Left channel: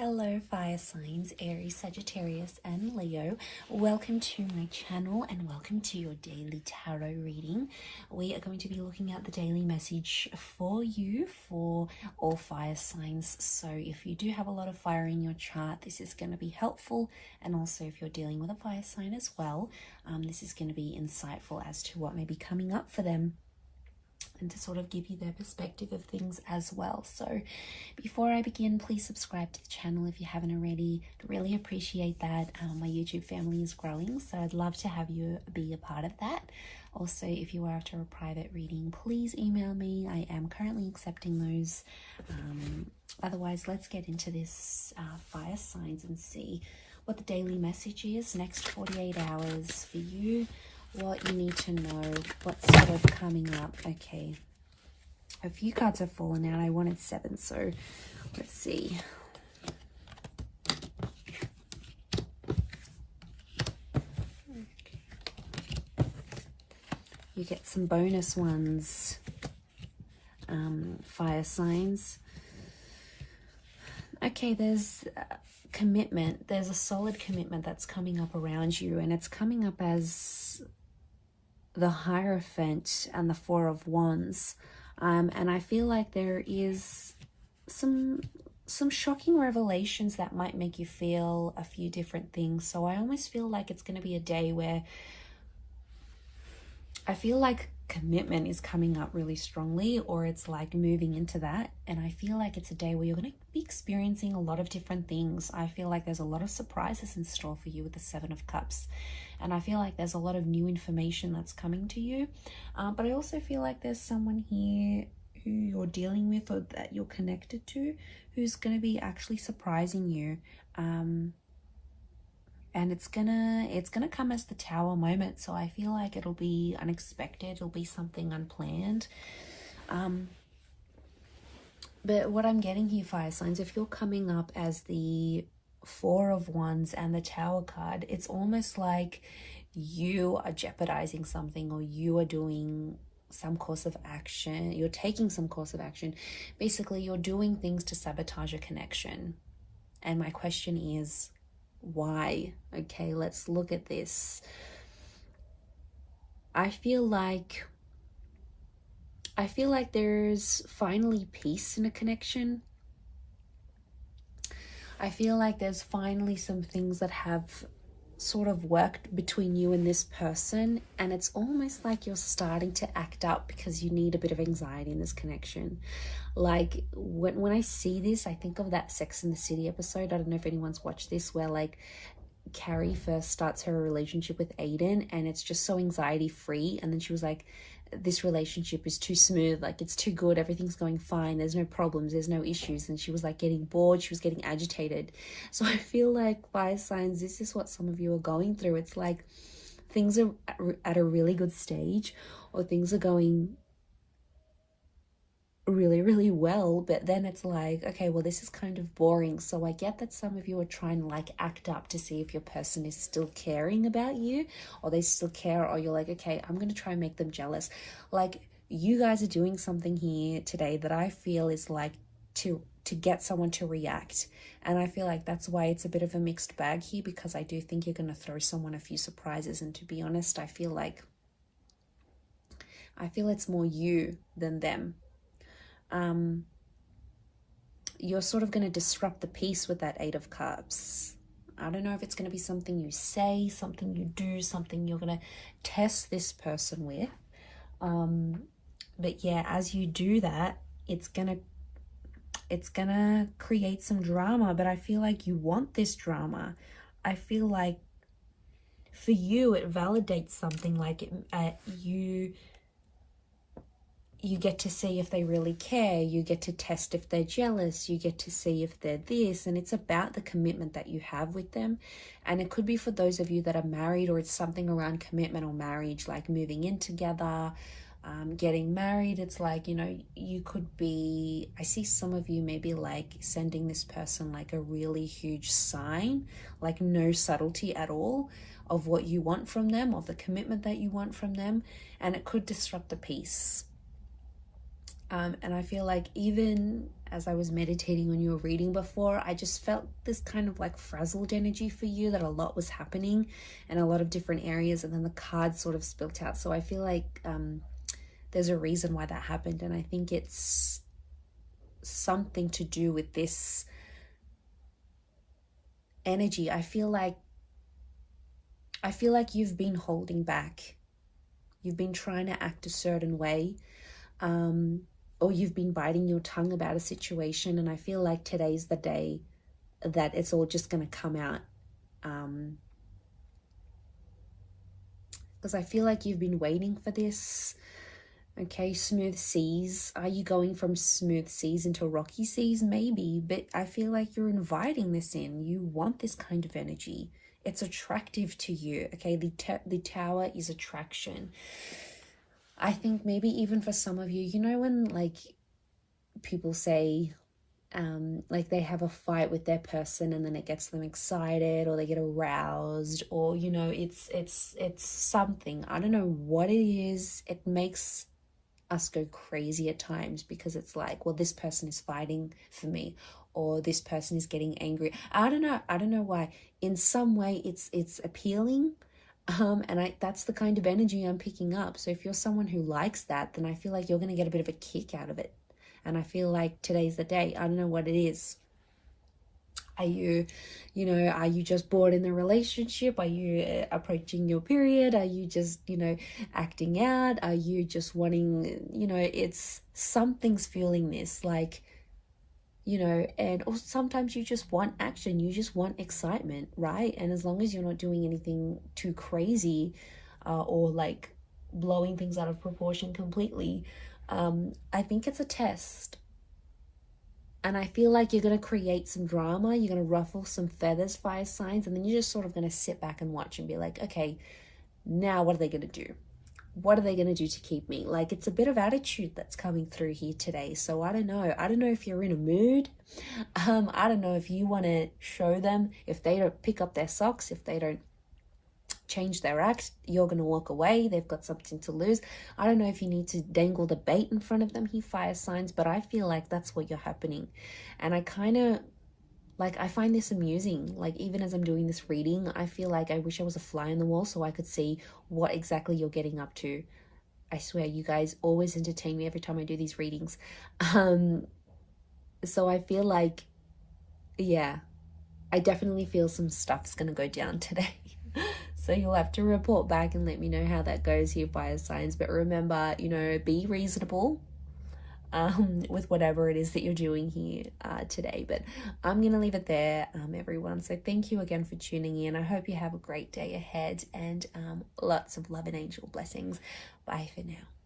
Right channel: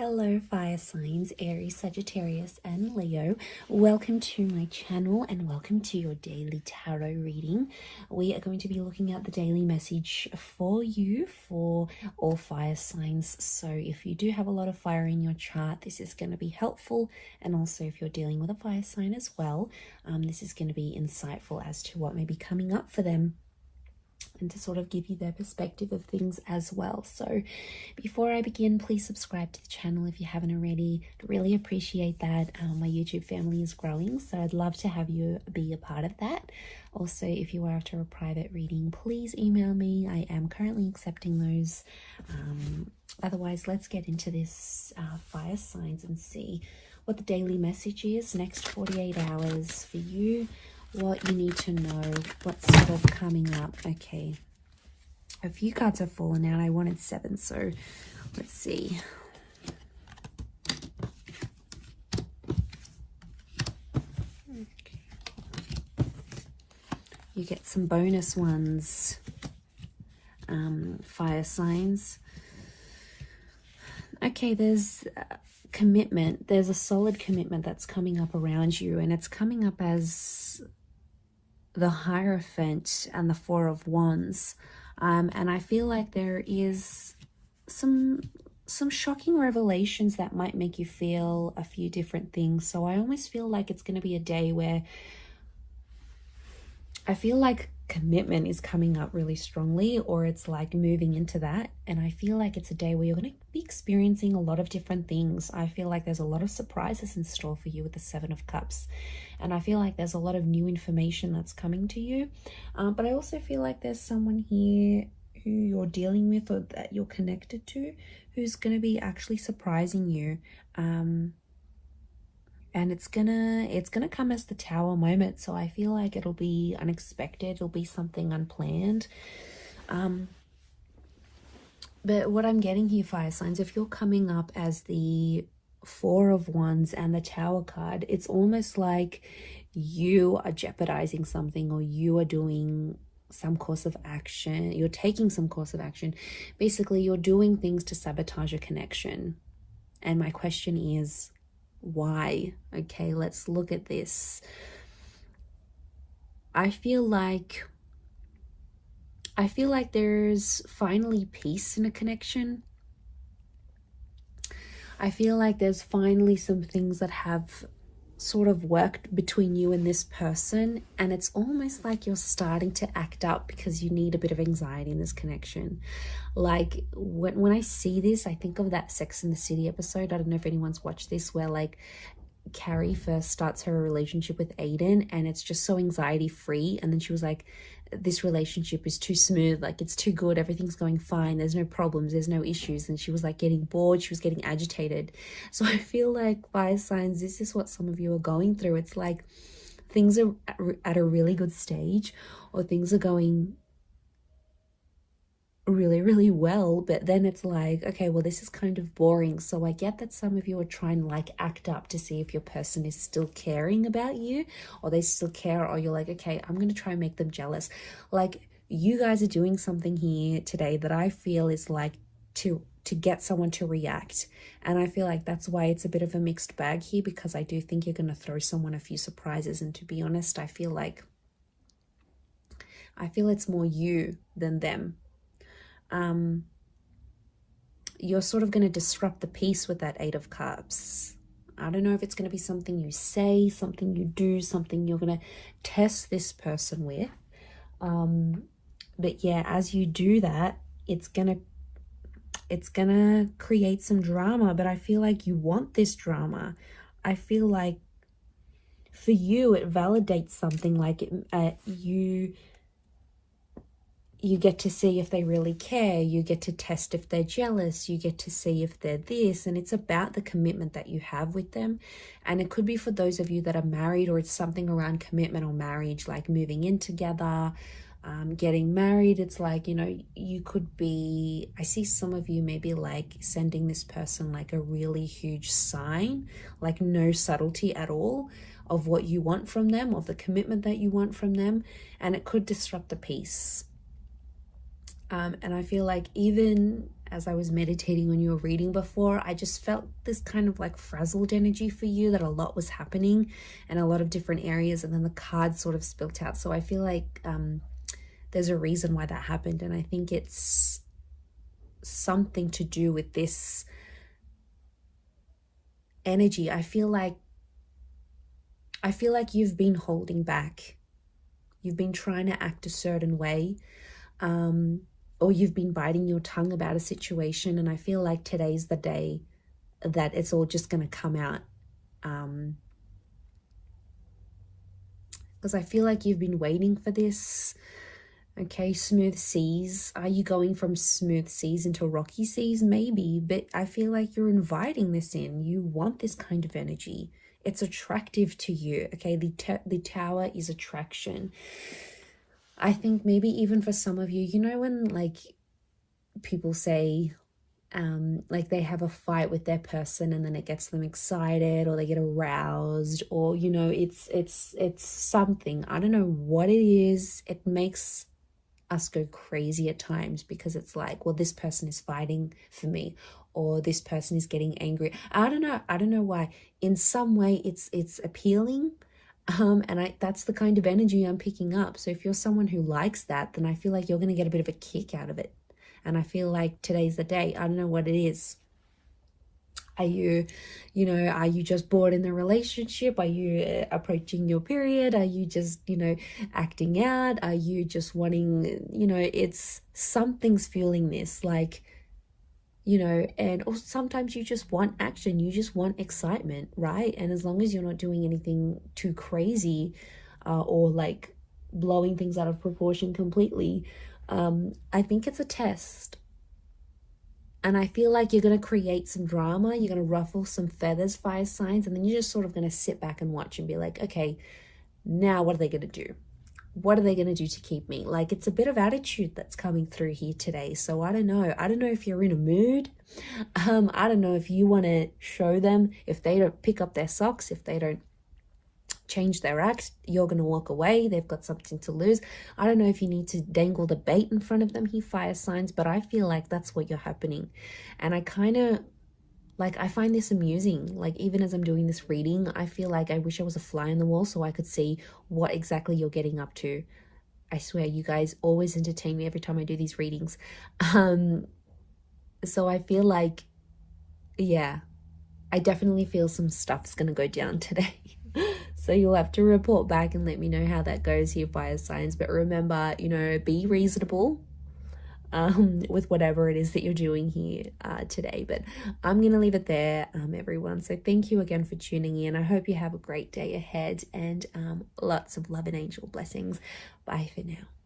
Hello fire signs, Aries, Sagittarius and Leo. Welcome to my channel and welcome to your daily tarot reading. We are going to be looking at the daily message for you for all fire signs. So if you do have a lot of fire in your chart, this is going to be helpful. And also if you're dealing with a fire sign as well, this is going to be insightful as to what may be coming up for them, and to sort of give you their perspective of things as well. So before I begin, please subscribe to the channel if you haven't already. I really appreciate that. My YouTube family is growing, so I'd love to have you be a part of that. Also, if you are after a private reading, please email me. I am currently accepting those. Otherwise, let's get into this fire signs and see what the daily message is next 48 hours for you. What you need to know, what's sort of coming up. Okay, a few cards have fallen out. I wanted 7, so let's see. Okay. You get some bonus ones, fire signs. Okay, there's commitment. There's a solid commitment that's coming up around you, and it's coming up as the Hierophant and the Four of Wands, and I feel like there is some shocking revelations that might make you feel a few different things. So I almost feel like it's going to be a day where I feel like commitment is coming up really strongly, or it's like moving into that, and I feel like it's a day where you're going to be experiencing a lot of different things. I feel like there's a lot of surprises in store for you with the 7 of Cups. And I feel like there's a lot of new information that's coming to you. But I also feel like there's someone here who you're dealing with or that you're connected to who's going to be actually surprising you. And it's gonna come as the Tower moment. So I feel like it'll be unexpected. It'll be something unplanned. But what I'm getting here, fire signs, if you're coming up as the Four of Wands and the Tower card, it's almost like you are jeopardizing something, or you are doing some course of action. You're taking some course of action. Basically, you're doing things to sabotage a connection. And my question is, why? Okay, let's look at this. I feel like there's finally peace in a connection. I feel like there's finally some things that have sort of worked between you and this person, and it's almost like you're starting to act up because you need a bit of anxiety in this connection. Like when I see this, I think of that Sex and the City episode. I don't know if anyone's watched this, where like Carrie first starts her relationship with Aiden, and it's just so anxiety free, and then she was like, this relationship is too smooth, like it's too good, everything's going fine, there's no problems, there's no issues, and she was like getting bored, she was getting agitated. So I feel like, fire signs, this is what some of you are going through. It's like things are at a really good stage, or things are going really well, but then it's like, okay, well, this is kind of boring. So I get that some of you are trying to like act up to see if your person is still caring about you, or they still care, or you're like, okay, I'm going to try and make them jealous. Like, you guys are doing something here today that I feel is like to get someone to react. And I feel like that's why it's a bit of a mixed bag here, because I do think you're going to throw someone a few surprises. And to be honest, I feel it's more you than them. You're sort of going to disrupt the peace with that 8 of Cups. I don't know if it's going to be something you say, something you do, something you're going to test this person with. But yeah, as you do that, it's gonna create some drama, but I feel like you want this drama. I feel like for you, it validates something, like you get to see if they really care, you get to test if they're jealous, you get to see if they're this, and it's about the commitment that you have with them. And it could be for those of you that are married, or it's something around commitment or marriage, like moving in together, getting married. It's like, you know, you could be, I see some of you maybe like sending this person like a really huge sign, like no subtlety at all of what you want from them, of the commitment that you want from them, and it could disrupt the peace. And I feel like even as I was meditating on your reading before, I just felt this kind of like frazzled energy for you, that a lot was happening in a lot of different areas, and then the cards sort of spilt out. So I feel like there's a reason why that happened, and I think it's something to do with this energy. I feel like you've been holding back. You've been trying to act a certain way, or you've been biting your tongue about a situation, and I feel like today's the day that it's all just going to come out. Because I feel like you've been waiting for this. Okay, smooth seas. Are you going from smooth seas into rocky seas? Maybe, but I feel like you're inviting this in. You want this kind of energy. It's attractive to you. Okay, the tower is attraction. I think maybe even for some of you, you know, when like people say like they have a fight with their person and then it gets them excited, or they get aroused, or you know, it's something, I don't know what it is, it makes us go crazy at times, because it's like, well, this person is fighting for me, or this person is getting angry. I don't know why. In some way it's appealing, and that's the kind of energy I'm picking up. So if you're someone who likes that, then I feel like you're going to get a bit of a kick out of it. And I feel like today's the day. I don't know what it is. Are you just bored in the relationship? Are you approaching your period? Are you just, acting out? Are you just wanting, it's something's fueling this, like, and also sometimes you just want action. You just want excitement, right? And as long as you're not doing anything too crazy or like blowing things out of proportion completely, I think it's a test. And I feel like you're going to create some drama. You're going to ruffle some feathers, fire signs, and then you're just sort of going to sit back and watch and be like, okay, now what are they going to do? What are they going to do to keep me? Like, it's a bit of attitude that's coming through here today. So I don't know. I don't know if you're in a mood. I don't know if you want to show them. If they don't pick up their socks, if they don't change their act, you're going to walk away. They've got something to lose. I don't know if you need to dangle the bait in front of them, he fire signs, but I feel like that's what you're happening. And I kind of I find this amusing. Like, even as I'm doing this reading, I feel like I wish I was a fly on the wall so I could see what exactly you're getting up to. I swear, you guys always entertain me every time I do these readings. So I feel like, yeah, I definitely feel some stuff's gonna go down today. So you'll have to report back and let me know how that goes here, fire signs. But remember, be reasonable with whatever it is that you're doing here today. But I'm gonna leave it there, everyone. So thank you again for tuning in. I hope you have a great day ahead, and lots of love and angel blessings. Bye for now.